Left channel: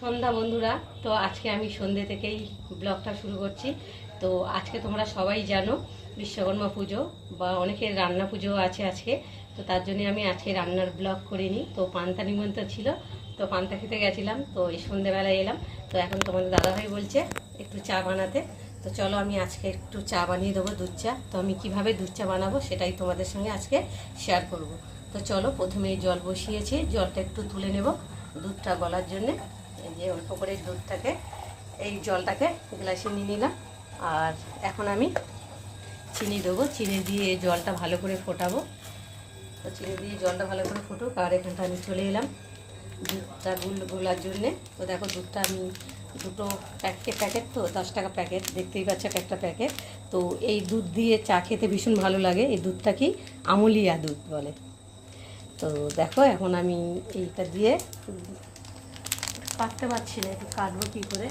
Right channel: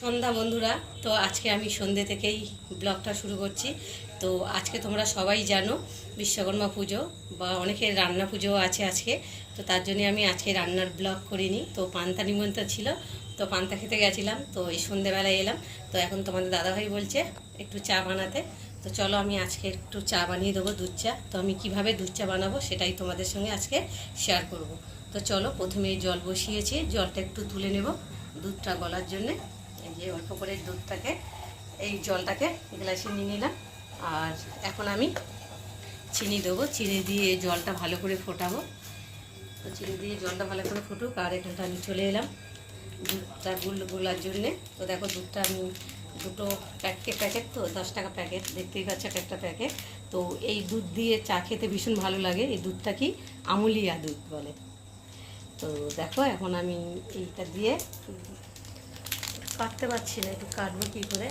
সন্ধ্যা বন্ধুরা, তো আজকে আমি সন্ধ্যে থেকেই ব্লগটা শুরু করছি। তো আজকে তোমরা সবাই জানো বিশ্বকর্মা পুজো বা অনেকের রান্না পুজো আছে আজকে। তো তার জন্য আমি আজকে রান্নার ব্লগ করিনি। তো পান্তা নিমন্ত্রণ ছিল, তো পান্তা খেতে গেছিলাম, তো এই সন্ধ্যেবেলায় এলাম। তো এখন তোমাদের দাদাভাই বলছে একটু চা বানাতে। তো চলো আমি আজকে একটু চা বানিয়ে দেবো দুধ চা। তো আমি কীভাবে দুধ চা বানাবো সেটাই তোমাদের সঙ্গে আজকে শেয়ার করব। তো চলো প্রথমে জল বসিয়েছি, জলটা একটু তুলে নেব দুধটা গলার জন্যে। এই যে অল্প করে দুধটাকে, এই জলটাকে গ্লাসে নিয়ে নিলাম। আর এখন আমি চিনি দেবো। চিনি দিয়ে জলটা ভালো করে ফোটাবো। তো চিনি দিয়ে জলটা ভালো করে ফুটুক, আর এখানটা আমি চলে এলাম দুধটা গুল, গোলার জন্যে। তো দেখো দুধটা আমি দুটো প্যাকেট প্যাকেট তো, দশ টাকা প্যাকেট। দেখতেই পাচ্ছ এক একটা প্যাকেট। তো এই দুধ দিয়ে চা খেতে ভীষণ ভালো লাগে। এই দুধটা কি আমুলিয়া দুধ বলে। তো দেখো এখন আমি এইটা দিয়ে কাটতে পারছি না, একটু কাটবো কী করে?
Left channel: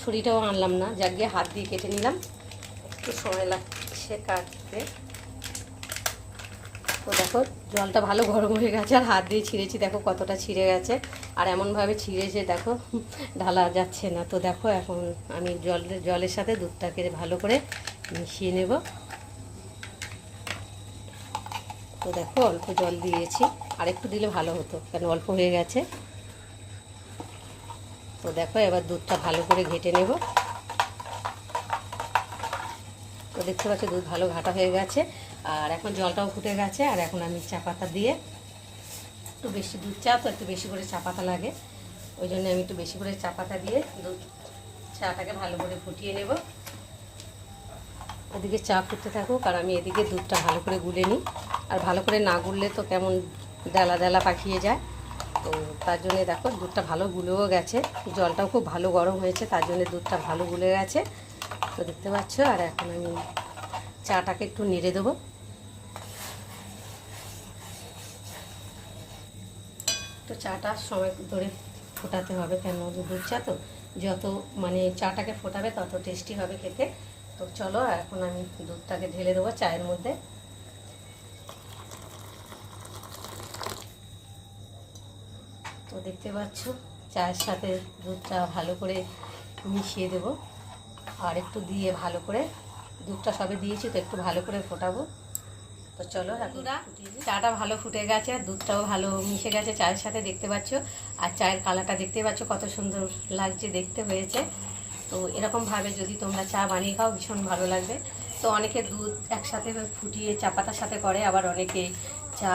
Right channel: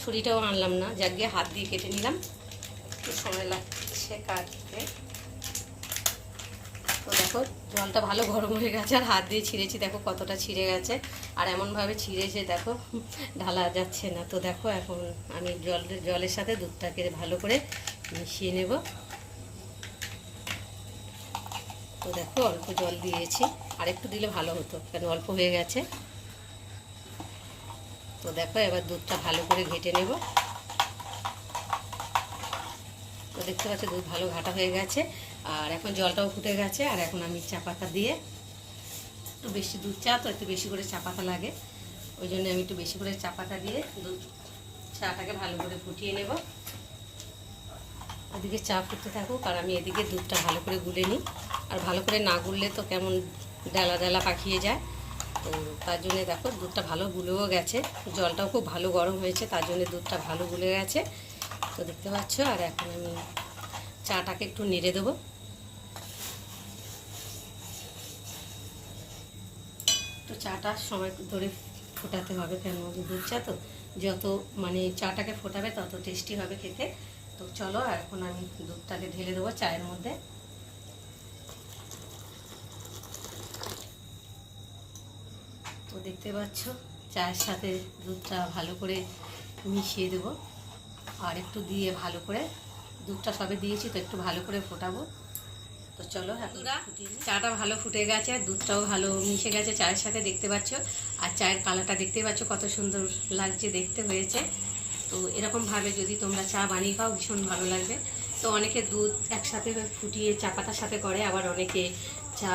ছুরিটাও আনলাম না, যাক গিয়ে হাত দিয়ে কেটে নিলাম। একটু সময় লাগছে কাটতে। তো দেখো, জলটা ভালো গরম হয়ে গেছে, আর হাত দিয়ে ছিঁড়েছি, দেখো কতটা ছিঁড়ে গেছে। আর এমনভাবে ছিঁড়েছে, দেখো, ঢালা যাচ্ছে না। তো দেখো, এখন আমি জল, জলের সাথে দুধটাকে ভালো করে মিশিয়ে নেব। তো দেখো, অল্প জল দিয়েছি। আর একটু দিলে ভালো হতো, কেন অল্প হয়ে গেছে। তো দেখো, এবার দুধটা ভালো করে ঘেটে নেব। তো দেখতে পাচ্ছ, দুধ ভালো ঘাটা হয়ে গেছে। আর এখন জলটাও ফুটে গেছে, আর এখন আমি চা পাতা দিয়ে একটু বেশি দুধ চা, তো একটু বেশি করে চা পাতা লাগে। ওই জন্য আমি একটু বেশি করে চা পাতা দিয়ে দুধ চাটাকে ভালো করে ফুটিয়ে নেব। ওদিকে চা ফুটতে থাকুক, আর আমি এদিকে দুধটা ভালো করে গুলে নিই। আর ভালো করে না গুললে তো কেমন ডালা ডালা পাকিয়ে যায়। তো তার জন্য দেখো দুধটা ভালো গুলেও গেছে। জলটাও খুব ভালো গরম হয়েছে, তার জন্য দুধটা ভালো গুলে গেছে। তো দেখতে পাচ্ছ, আর এখন আমি চাটাকে একটু নেড়ে দেবো। তো চাটা সময় ধরে ফোটাতে হবে কেন? দুধ চা তো যত মানে চাটাকে ফোটাবে তত টেস্টি হবে খেতে। তো চলো এখন আমি দুধটাকে ঢেলে দেবো চায়ের মধ্যে। দেখতে পাচ্ছ? চায়ের সাথে দুধটা ভালো করে মিশিয়ে দেবো। আর একটু দিয়ে ভালো করে দুধটা সবে দিয়েছি তো একটু ভালো করে ফোটাবো। তো চলো এখন চাটা ভালো ফুটে গেছে আর দুধটাও ভালো মিশে গেছে চায়ের সাথে দেখতে পাচ্ছ। আর চায়ের কালারটা দেখতে পাচ্ছ কত সুন্দর লাগছে দেখতে হয়েছে। তো এরকমভাবে যদি তোমরা চা বানিয়ে খাও ভীষণ ভালো লাগবে। তো অনেকে দুধ একসাথে ফুটিয়ে চা পাতার সাথে করে আবার অনেকে চা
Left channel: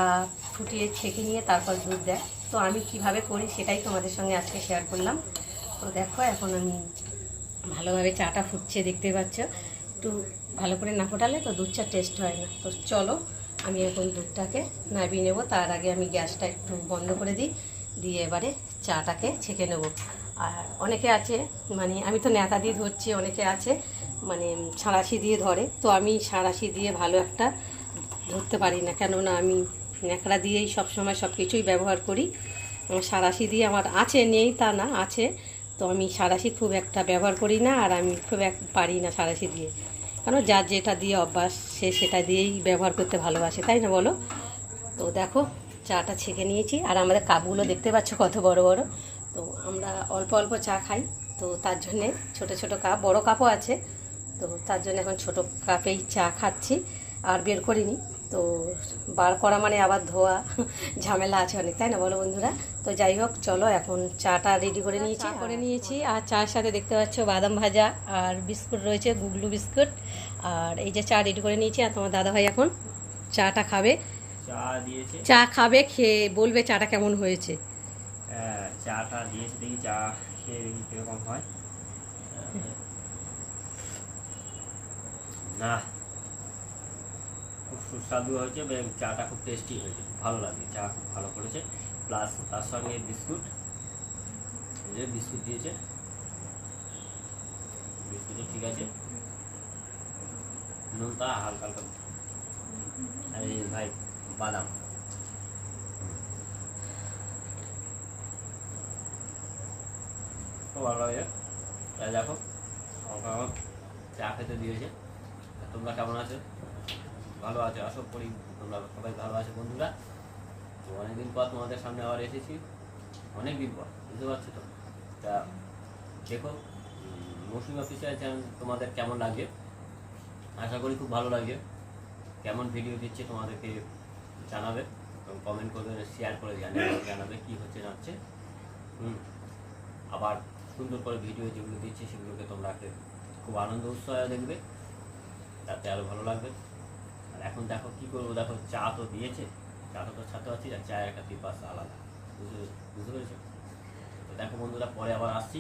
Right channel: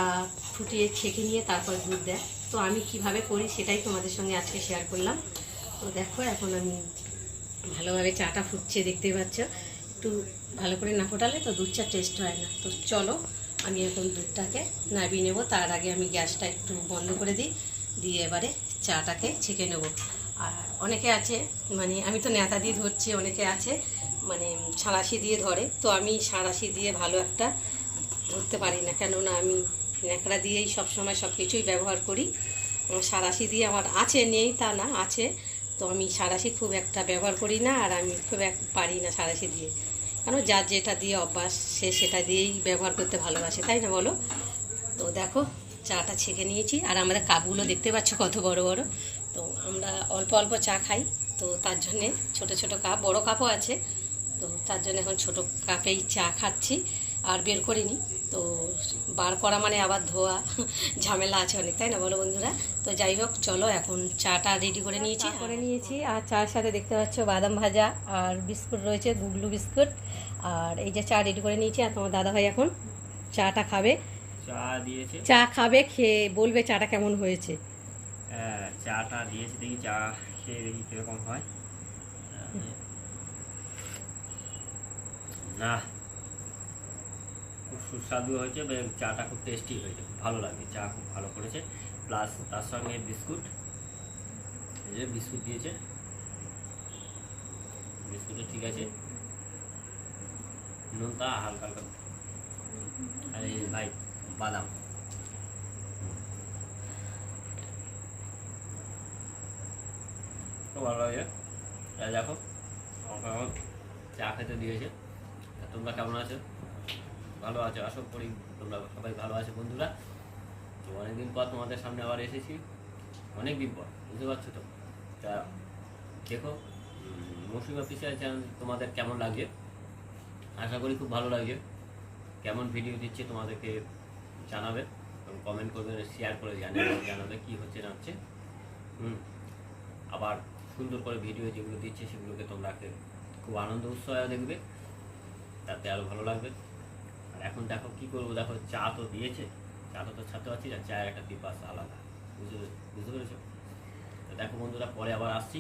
ফুটিয়ে ছেঁকে নিয়ে তারপর দুধ দেয়। তো আমি কীভাবে করি সেটাই তোমাদের সঙ্গে আজকে শেয়ার করলাম। তো দেখো, এখন আমি ভালোভাবে চাটা ফুটছে, দেখতে পাচ্ছ। একটু ভালো করে না ফোটালে তো দুধ চা টেস্ট হয় না। তো চলো, আমি এখন দুধটাকে নামিয়ে নেব। তার আগে আমি গ্যাসটা একটু বন্ধ করে দিই, দিয়ে এবারে চাটাকে ছেঁকে নেব। আর অনেকে আছে মানে আমি তো নেতা দিয়ে ধরছি, অনেকে আছে মানে সাঁড়াশি দিয়ে ধরে। তো আমি সাঁড়াশি দিয়ে ভালো একটা ধরতে পারি না, কেননা আমি ন্যাকড়া দিয়েই সবসময় সব কিছুই ব্যবহার করি। আমার সাঁড়াশি দিয়ে আমার আছে, নেই তা না, আছে। তো আমি সাঁড়াশি খুব একটা ব্যবহার করি না, আর আমি খুব এক পারি না সাঁড়াশি দিয়ে। কেন? যার যেটা দিয়ে অভ্যাস, সে সেটা দিয়েই ব্যবহার করতে ভালোবাসে, তাই না বলো? তো দেখো, চাটা ছেঁকে নিয়েছি, আর আমাদের কাপগুলো দেখতে পাচ্ছ কত বড় বড়। তো আমরা অল্প অল্প চা খাই, তো তার জন্যে ছোট ছোট কাপ, বড় কাপও আছে। তো তার জন্য এখন ছোট কাপেই চা খাচ্ছি। আর বের করিনি। তো বার করা মানে আবার ধোয়া ঝামেলা আছে অনেক তাই না বলো বন্ধুরা? তো যাই হোক চলো এখন চাটা রেডি করে নিয়েছি। করে নিয়েছি আর চার সাথে দেখতে পাচ্ছ বাদাম ভাজা আর বিস্কুট রয়েছে গুগলু বিস্কুট। আর এই যে চা রেডি করে নিয়েছি আর তোমার দাদা ভাই এখন চাটা খাবে। চা খাবে খেয়ে বলবে চাটা কেমন হয়েছে। হ্যাঁ, চাটা দিয়েছে দেখি চা খেয়ে দেখি কীরকম হয়। না সুস্বাদু হয়েছে এবং চাটা খুব টেস্টি হয়েছে। ভালো লাগে, চা খুব ভালো করেছে। প্লাস তার সঙ্গে বিস্কুট, এই যে বিস্কুট দিয়েছে। বিস্কুটও ঠিক আছে। নুনটা হালকা হালকা। আর এই ভাই, বাদাম। খুব ভালো লাগে। দেখো, আমাকে এখন চা খেতে দিয়েছে। তোমরা কেমন আছো? ভালো আছো? আশা করি তোমরা সবাই ভালো আছো, বন্ধুরা? তো অনেকদিন পর তোমাদের সামনে আবার এসেছি। অনেক দিন পর, বুঝতে পারছ তো? তা দেখো মৌসুমি অফিসিয়াল চ্যানেল তোমাদের কেমন লাগছে আশা করি খুব ভালো লাগছে কেমন ভিডিও দিচ্ছে তোমাদেরকে জানাবে এবং কমেন্ট করবে শেয়ার করে জানাবে জানাবে কী হচ্ছে, না হচ্ছে। হুম, আবার সুন্দর করে ভিডিও যেগুলো দিচ্ছে সেগুলোকে তোমরা খুব আনন্দ, উৎসাহে দেখবে। তাতে আরও ভালো লাগবে। আর এখন দেখো কি করব? দেখো চা তো দিয়েছে। চা তো ছাড়তে পারছি না, চায়ের একটা পিপাস আলাদা। বুঝতে বুঝতে পেরেছ? দেখো বন্ধুরা, পরে আবার আসছি।